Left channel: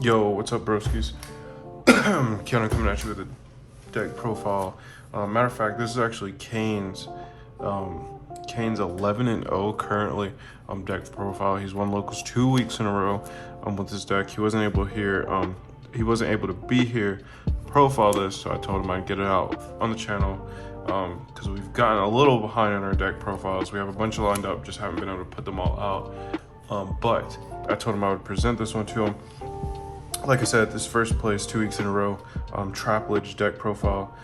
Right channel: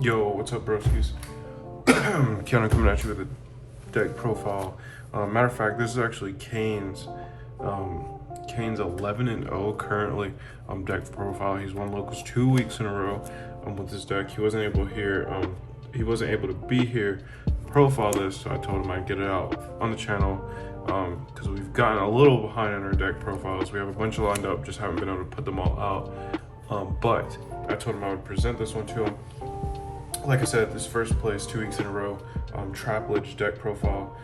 Yo, what's up, broskies? Keanu coming at you with a deck profile. Matter of fact, this is actually Kane's 11-0 currently deck profile. He's won locals 2 weeks in a row with this deck. He wasn't able to be here profile this, so I told him I'd get it out on the channel because we've gotten a little behind on our deck profiles. We have a bunch lined up, just haven't been able to put them all out. But I told him I would present this one to him. Like I said, this first place 2 weeks in a row, Eldlich deck profile.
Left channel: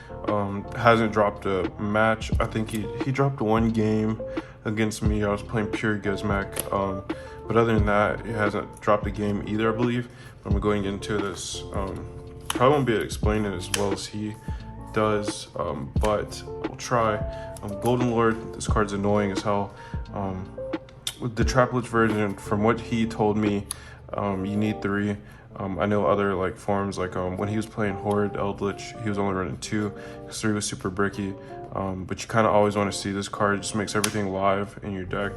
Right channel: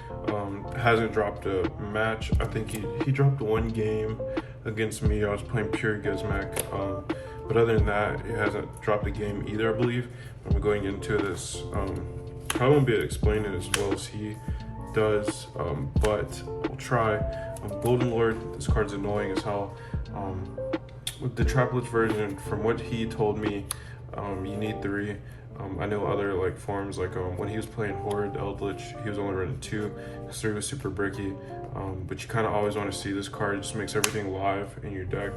Hasn't dropped a match. I think he dropped one game against me. I was playing pure Gizmac. But other than that, he hasn't dropped a game either, I believe. I'm going into this. Probably won't be able to explain it as well as he does, but we'll try. Golden Lord, this card's annoying as hell. With the Eldlich version, from what he told me, you need 3. I know other forms, when he was playing Horde Eldlich, he was only running 2 because 3 was super bricky. But you kind of always want to see this card. It just makes everything live in your deck.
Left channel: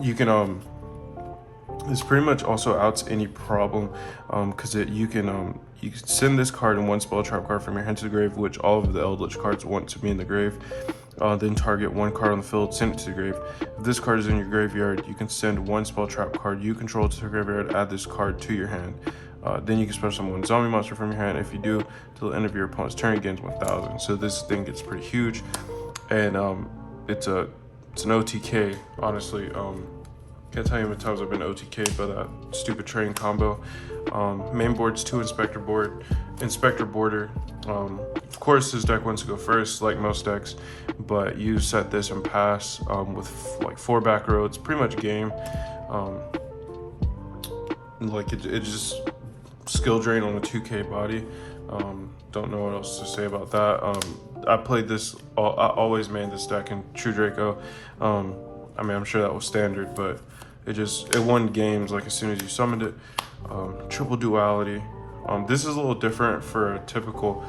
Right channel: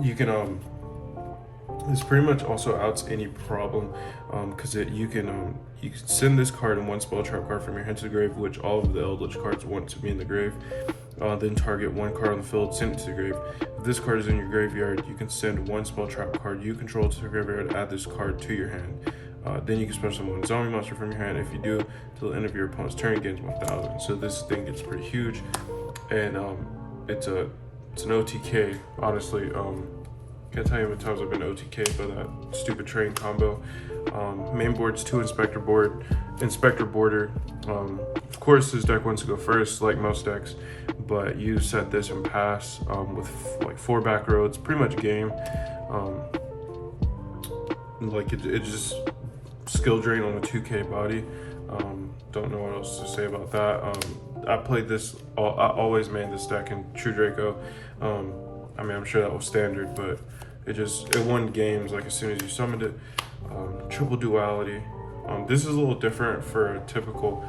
You can this pretty much also outs any problem because you can send this card and one spell trap card from your hand to the grave, which all of the Eldlich cards want to be in the grave. Then target one card on the field, send it to the grave. If this card is in your graveyard, you can send one spell trap card you control to the graveyard, add this card to your hand. Then you can special summon one zombie monster from your hand. If you do, till the end of your opponent's turn, it gains 1000. So this thing gets pretty huge, and it's an OTK. Honestly, can't tell you how many times I've been OTK by that stupid train combo. Main board's 2 Inspector Border. Of course, this deck wants to go first, like most decks, but you set this and pass with 4 back roads, pretty much game. It just skill drain on the 2K body. Don't know what else to say about that. I played this. I always made this deck in True Draco. I mean, I'm sure that was standard, but it won games as soon as you summoned it. Triple duality. This is a little different for a typical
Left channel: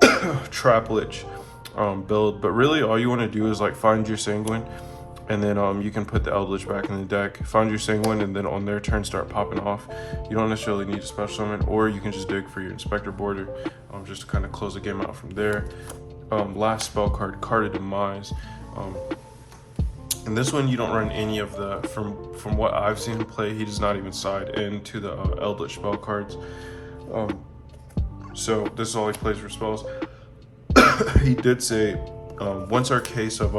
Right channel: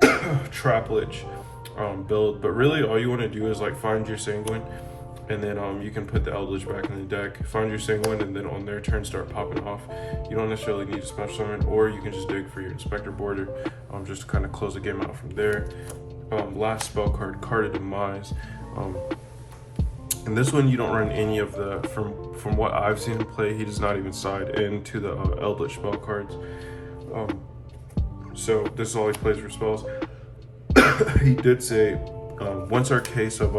Eldlich build, but really all you want to do is find your Sanguine, and then you can put the Eldlich back in the deck, find your Sanguine, and then on their turn start popping off. You don't necessarily need to special summon, or you can just dig for your Inspector Border just to kind of close the game out from there. Last spell card, Card of Demise. And this one, you don't run any of the, from what I've seen him play, he does not even side into the Eldlich spell cards. So this is all he plays for spells. He did say, once our case of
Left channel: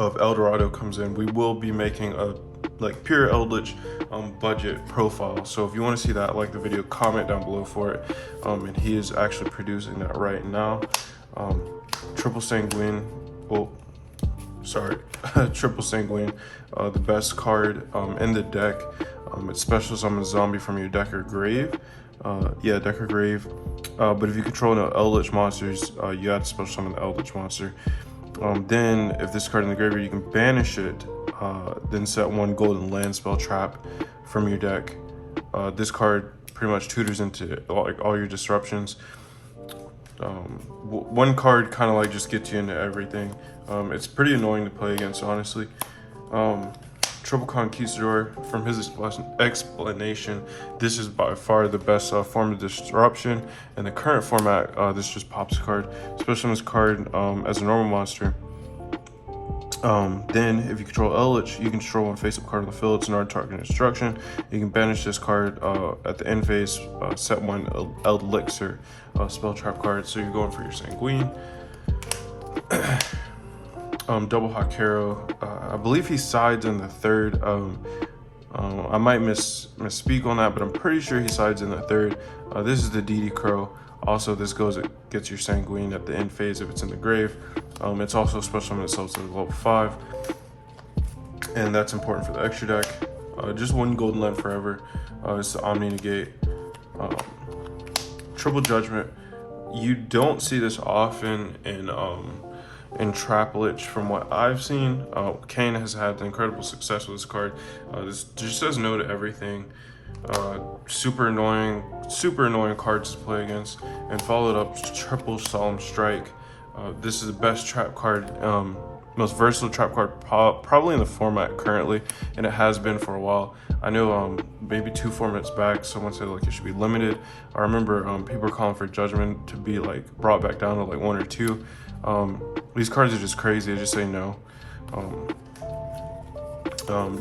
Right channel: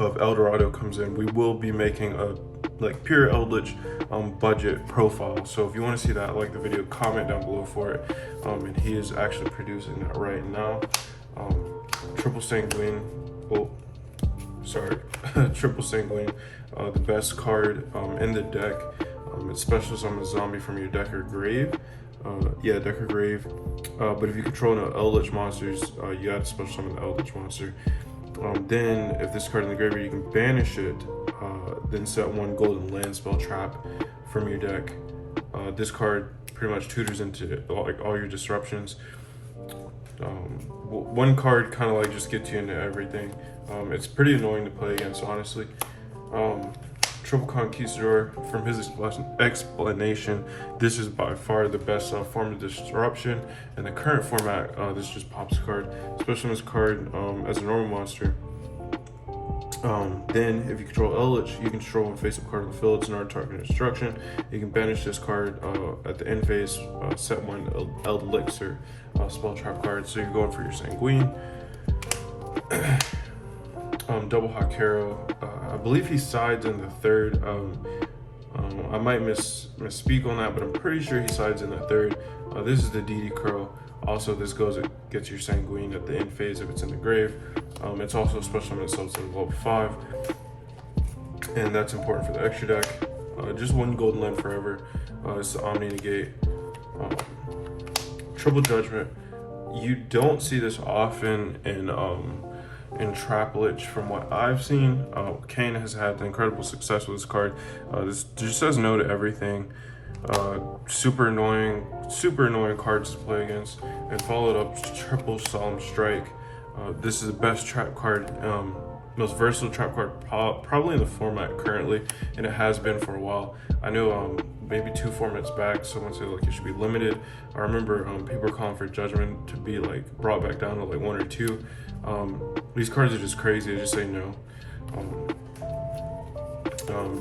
Eldorado comes in, we will be making a pure Eldlich budget profile. So if you want to see that, like the video, comment down below for it. And he is actually producing that right now. Triple Sanguine. Well, sorry, Triple Sanguine, the best card in the deck. It's special summon a zombie from your deck or grave. Deck or grave. But if you control no Eldlich monsters, you gotta special summon the Eldlich monster. Then, if this card in the graveyard, you can banish it. Then set 1 golden land spell trap from your deck. This card pretty much tutors into all your disruptions. One card kind of just gets you into everything. It's pretty annoying to play against, honestly. Triple Conquistador, from his explanation, this is by far the best form of disruption. In the current format, this just pops a card. Especially this card as a normal monster. Then, if you control Eldlich, you can control one face-up card on the field. It's an target destruction. You can banish this card at the end phase, set 1 Elixir spell trap card. So you're going for your Sanguine. Double Hawk Hero. I believe he sides in the 3rd. I might misspeak on that, but I'm pretty sure he sides in the 3rd. This is the DD Crow. Also, this gets your Sanguine at the end phase if it's in the grave. It's also special summon itself to level 5, and that's important for the extra deck. Just 1 golden land forever. It's the Omni Negate. Triple Judgment. You don't see this often in Eldlich from what I've seen. Kane has had incredible success with this card. This just says no to everything. Super annoying cards to play against. And followed up Triple Solemn Strike. This is the best trap card most versatile trap card probably in the format currently, and it has been for a while. I know maybe 2 formats back, someone said like it should be limited. I remember people were calling for Judgment to be like brought back down to like 1 or 2. These cards are just crazy. I just say no.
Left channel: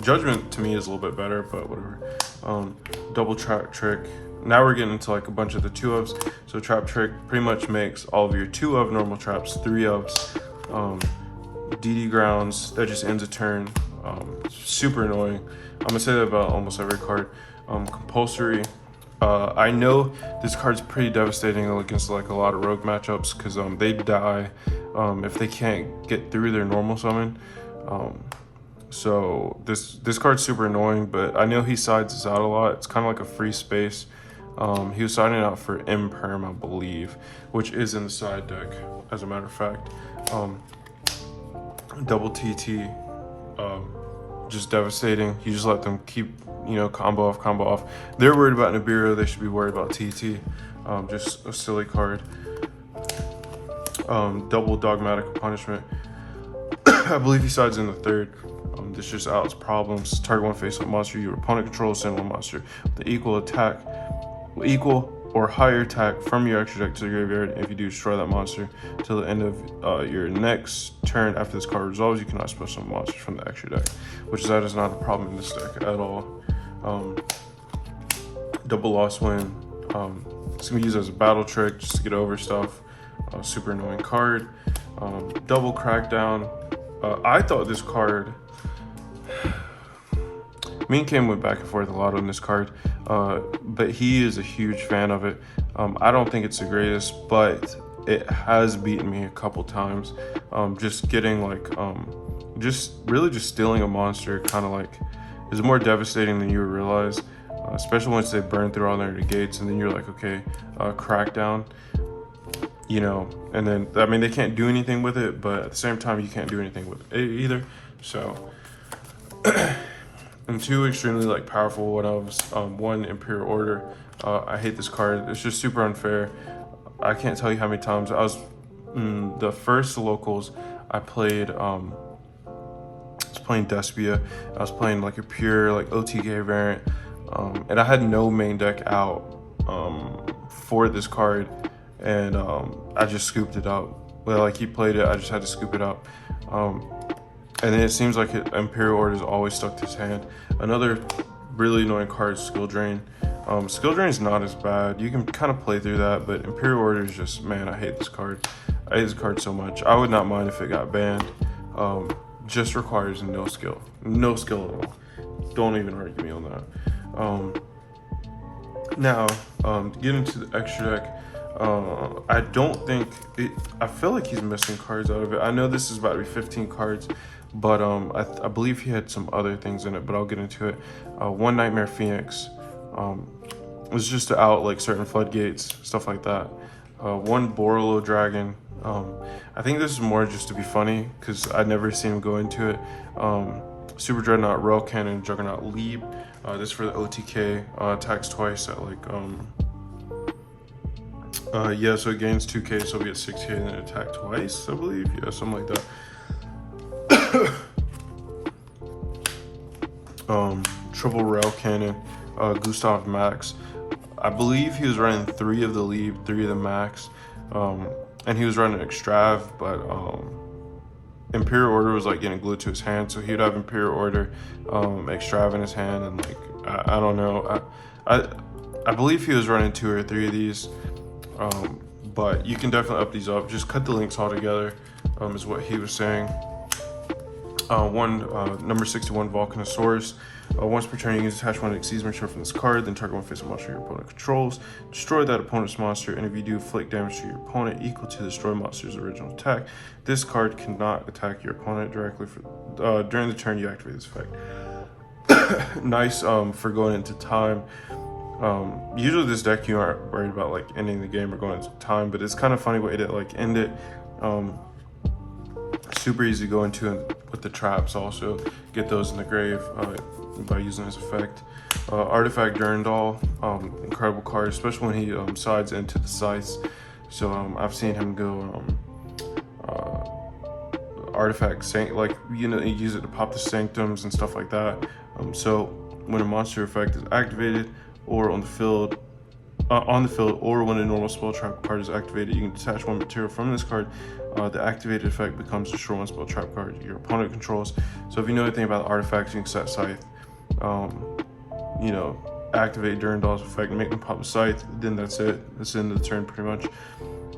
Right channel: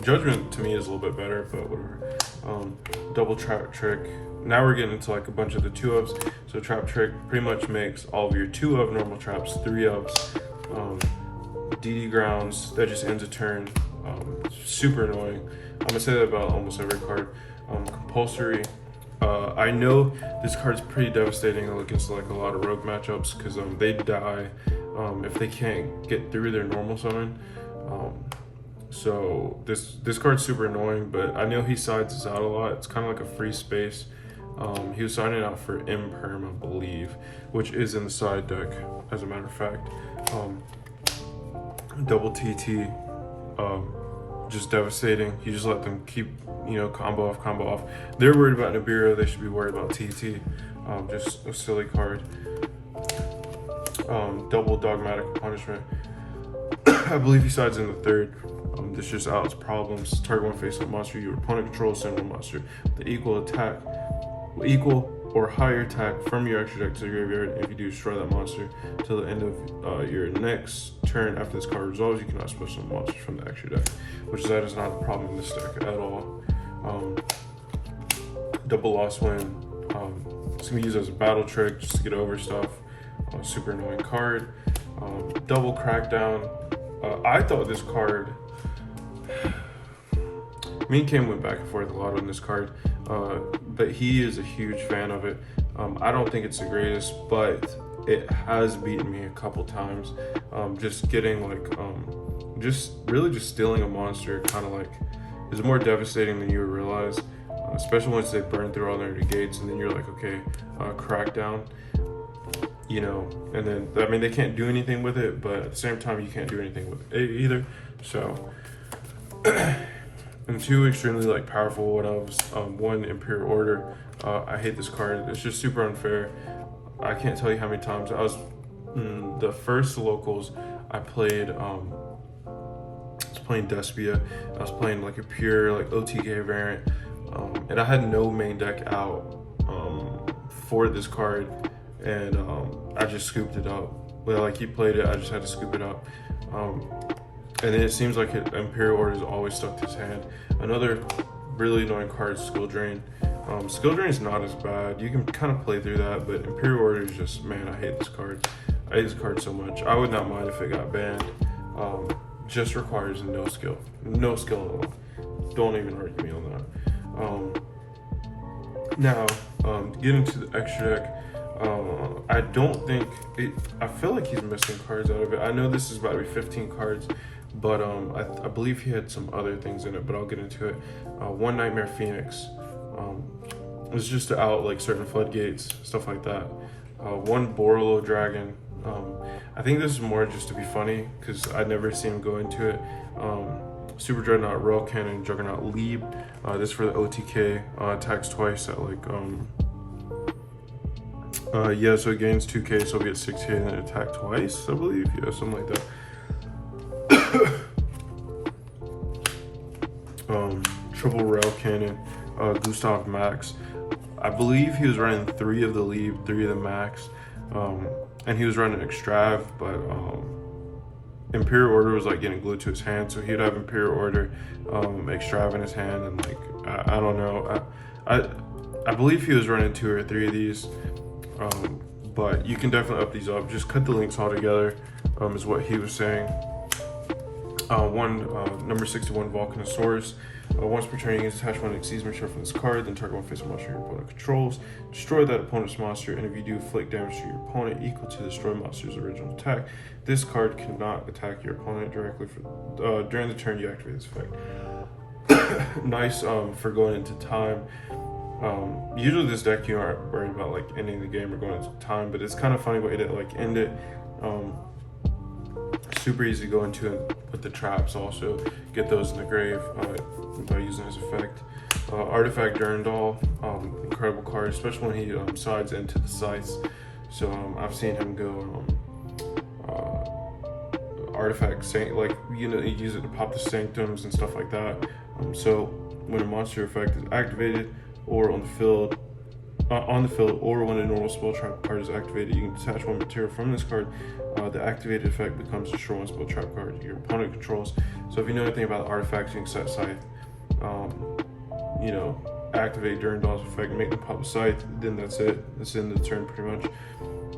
Judgment to me is a little bit better, but whatever. Double trap trick. Now we're getting into like a bunch of the 2-ofs. So trap trick pretty much makes all of your 2-of normal traps 3-ofs. DD grounds, that just ends a turn. Super annoying. I'm gonna say that about almost every card. Compulsory. I know this card's pretty devastating against like a lot of rogue matchups because they die if they can't get through their normal summon. So this card's super annoying, but I know he sides us out a lot. It's kind of like a free space. He was signing out for Imperm, I believe, which is in the side deck, as a matter of fact. Double TT, just devastating. You just let them keep, combo off. They're worried about Nibiru, they should be worried about TT. Just a silly card. Double Dogmatic Punishment. I believe he sides in the 3rd. This just outs problems. Target one face-up monster your opponent controls, send one monster with equal or higher attack from your extra deck to the graveyard. If you do, destroy that monster till the end of your next turn. After this card resolves, you cannot special monsters from the extra deck, which that is not a problem in this deck at all. Double Lost Win. It's gonna be used as a battle trick just to get over stuff. Super annoying card. Double Crackdown. I thought this card. Me and Kim went back and forth a lot on this card, but he is a huge fan of it. I don't think it's the greatest, but it has beaten me a couple times. Just getting like, just stealing a monster kind of like is more devastating than you would realize, especially once they burn through all their negates and then you're like, okay, Crackdown, and then, I mean, they can't do anything with it, but at the same time, you can't do anything with it either. So, and 2 extremely like powerful one-ofs. 1 Imperial Order. I hate this card. It's just super unfair. I can't tell you how many times I was the first locals I played. I was playing Despia. I was playing like a pure like OTK variant, and I had no main deck out for this card, and I just scooped it out. But like he played it, I just had to scoop it out. And then it seems like Imperial Order is always stuck to his hand. Another really annoying card is Skill Drain. Skill Drain is not as bad. You can kind of play through that, but Imperial Order is just, man, I hate this card. I hate this card so much. I would not mind if it got banned. Just requires no skill. No skill at all. Don't even argue me on that. Now, to get into the extra deck, I don't think I feel like he's missing cards out of it. I know this is about to be 15 cards, but I believe he had some other things in it, but I'll get into it. 1 Nightmare Phoenix was just to out like certain floodgates, stuff like that. 1 Borolo Dragon. I think this is more just to be funny because I'd never seen him go into it. Super Dreadnought Rail Cannon Juggernaut Leap. This for the OTK. Attacks twice at like yeah, so it gains 2k, so we get 6k and then attack twice, I believe. Yeah, something like that. Triple Rail Cannon, Gustav Max. I believe he was running 3 of the lead, 3 of the max, and he was running Extrav, but Imperial Order was like getting glued to his hand, so he'd have Imperial Order, Extrav in his hand, and like I don't know, I believe he was running 2 or 3 of these, but you can definitely up these up. Just cut the links all together, is what he was saying. Number 61 Volcanosaurus. Once per turn, you can attach 1 Exceedment from this card, then target 1 face monster your opponent controls. Destroy that opponent's monster, and if you do, inflict damage to your opponent equal to the destroy monster's original attack. This card cannot attack your opponent directly during the turn you activate this effect. Nice for going into time. Usually this deck you aren't worried about like ending the game or going into time, but it's kind of funny way to like end it. Super easy to go into with the traps also. Get those in the grave by using this effect. Artifact Durandal, incredible card, especially when he sides into the size. So I've seen him go artifact, like, you know, you use it to pop the sanctums and stuff like that. So when a monster effect is activated or on the field, or when a normal spell trap card is activated, you can detach one material from this card. The activated effect becomes destroy one spell trap card your opponent controls. So if you know anything about artifacts, you can set Scythe, you know, activate during Daw's effect and make them pop the Scythe. Then that's it. That's the end of the turn pretty much.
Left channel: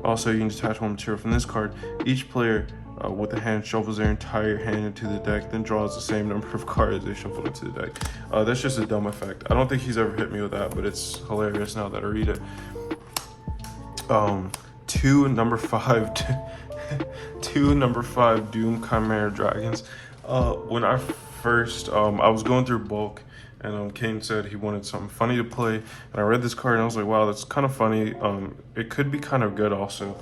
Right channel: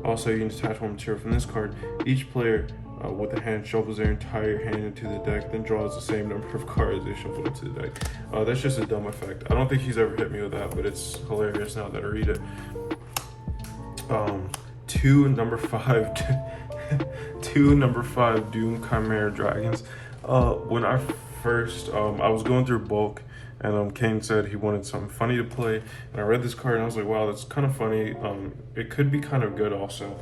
Also, you can detach one material from this card. Each player with a hand shuffles their entire hand into the deck, then draws the same number of cards they shuffled into the deck. That's just a dumb effect. I don't think he's ever hit me with that, but it's hilarious now that I read it. 2 number 5 Doom Chimera Dragons. When I first, I was going through bulk, and Kane said he wanted something funny to play, and I read this card and I was like, wow, that's kind of funny. It could be kind of good also.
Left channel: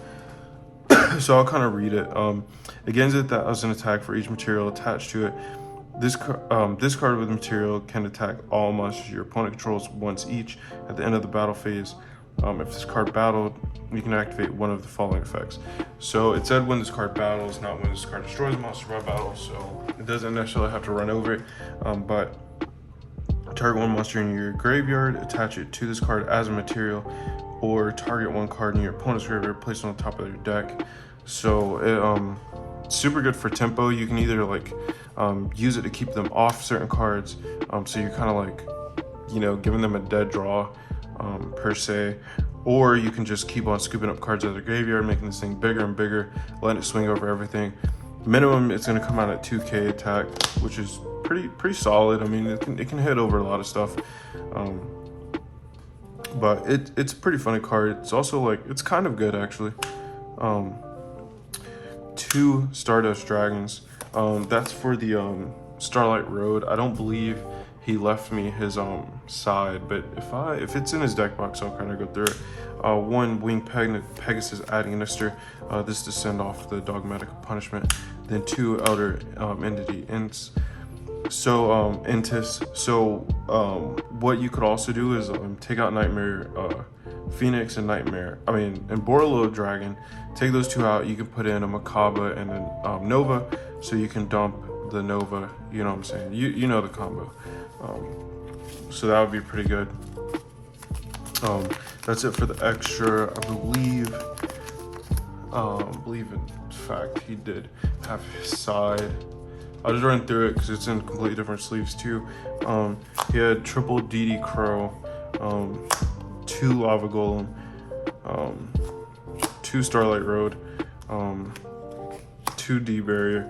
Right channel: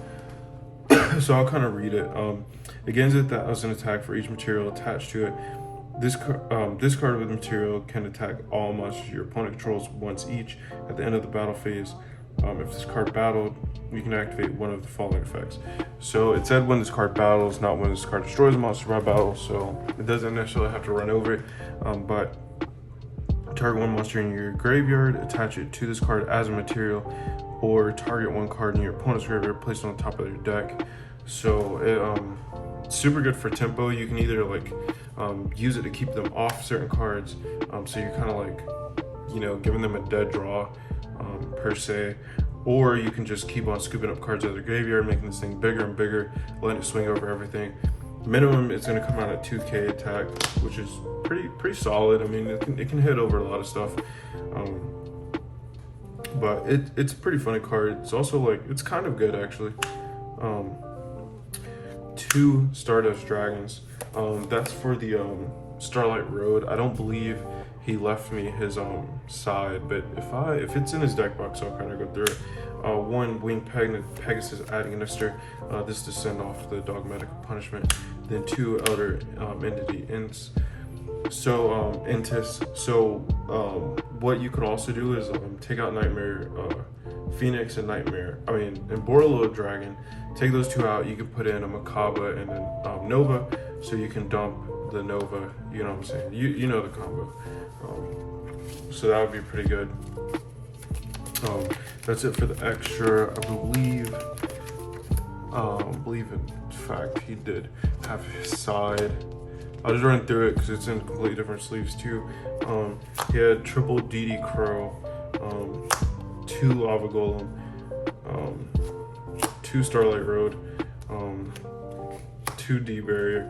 So I'll kind of read it. It gains 1,000 attack for each material attached to it. This card with material can attack all monsters your opponent controls once each at the end of the battle phase. If this card battled, you can activate one of the following effects. So it said when this card battles, not when this card destroys a monster by battle, so it doesn't necessarily have to run over it. But target one monster in your graveyard, attach it to this card as a material, or target one card in your opponent's graveyard, place it on top of their deck. So it's super good for tempo. You can either like use it to keep them off certain cards, so you're kind of like, you know, giving them a dead draw per se, or you can just keep on scooping up cards out of the graveyard, making this thing bigger and bigger, letting it swing over everything. Minimum, it's going to come out at 2k attack, which is pretty solid. I mean, it can hit over a lot of stuff, but it's a pretty funny card. It's also like, it's kind of good actually. 2 Stardust Dragons. That's for the Starlight Road. I don't believe he left me his side, but if it's in his deck box, I'll kind of go through it. 1 Winged Pegasus Administer. This to send off the Dogmatic Punishment. Then 2 Elder Entity Ints. So Intis. So what you could also do is take out Nightmare Phoenix and Borderlord Dragon. Take those 2 out. You can put in a Makaba and then Nova, so you can dump the Nova. You know what I'm saying? You know the combo. So that would be pretty good. That's it for the extra. I believe in fact he did have his side. I'll just run through it because it's in completely different sleeves too. He had triple DD Crow, 2 Lava Golem, 2 Starlight Road, 2 D Barrier,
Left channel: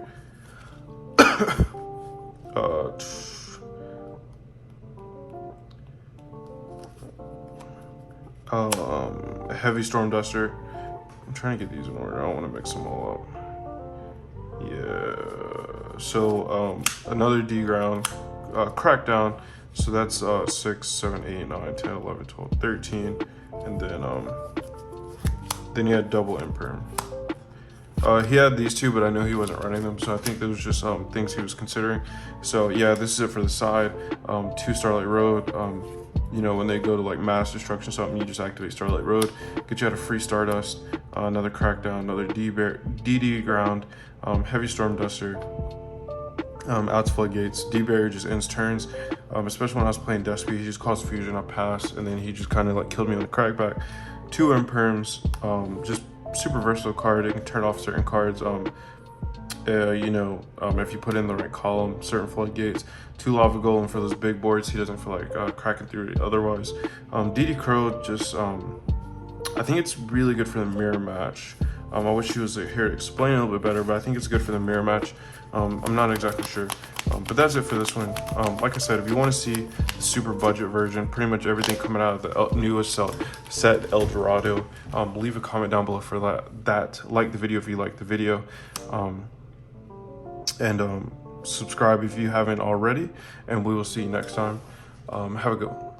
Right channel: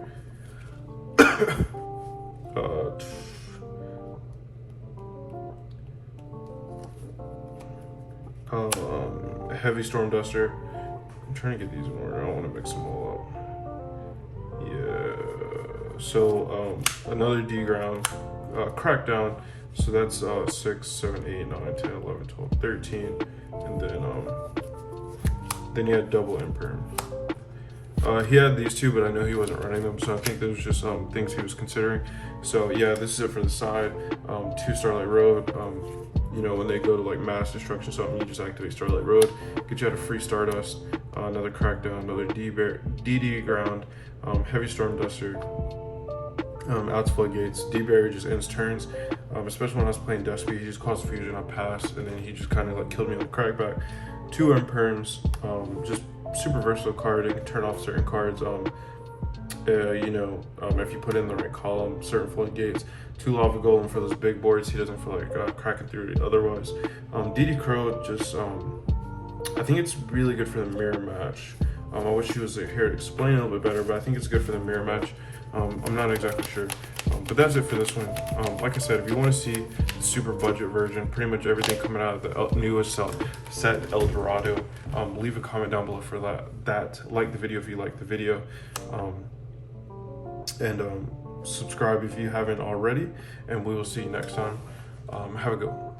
Heavy Storm Duster. I'm trying to get these in order. I don't want to mix them all up. Yeah. So another D ground, Crackdown. So that's 6, 7, 8, 9, 10, 11, 12, 13, and then he had double Imperm. He had these 2, but I know he wasn't running them, so I think those were just things he was considering. So yeah, this is it for the side. 2 Starlight Road. You know, when they go to like mass destruction or something, you just activate Starlight Road, get you out a free Stardust, another Crackdown, another DD ground, Heavy Storm Duster, outs Floodgates. D Barrier just ends turns, especially when I was playing Despy. He just caused fusion, I passed, and then he just kind of like killed me on the crackback. 2 Imperms, just super versatile card. It can turn off certain cards. You know, if you put in the right column, certain Floodgates. 2 Lava Golem for those big boards. He doesn't feel like cracking through it otherwise. DD Crow, just I think it's really good for the mirror match. I wish he was here to explain it a little bit better, but I think it's good for the mirror match. I'm not exactly sure, but that's it for this one. Like I said, if you want to see the super budget version, pretty much everything coming out of the newest set, El Dorado, leave a comment down below for that. Like the video if you like the video, and subscribe if you haven't already, and we will see you next time. Have a good one.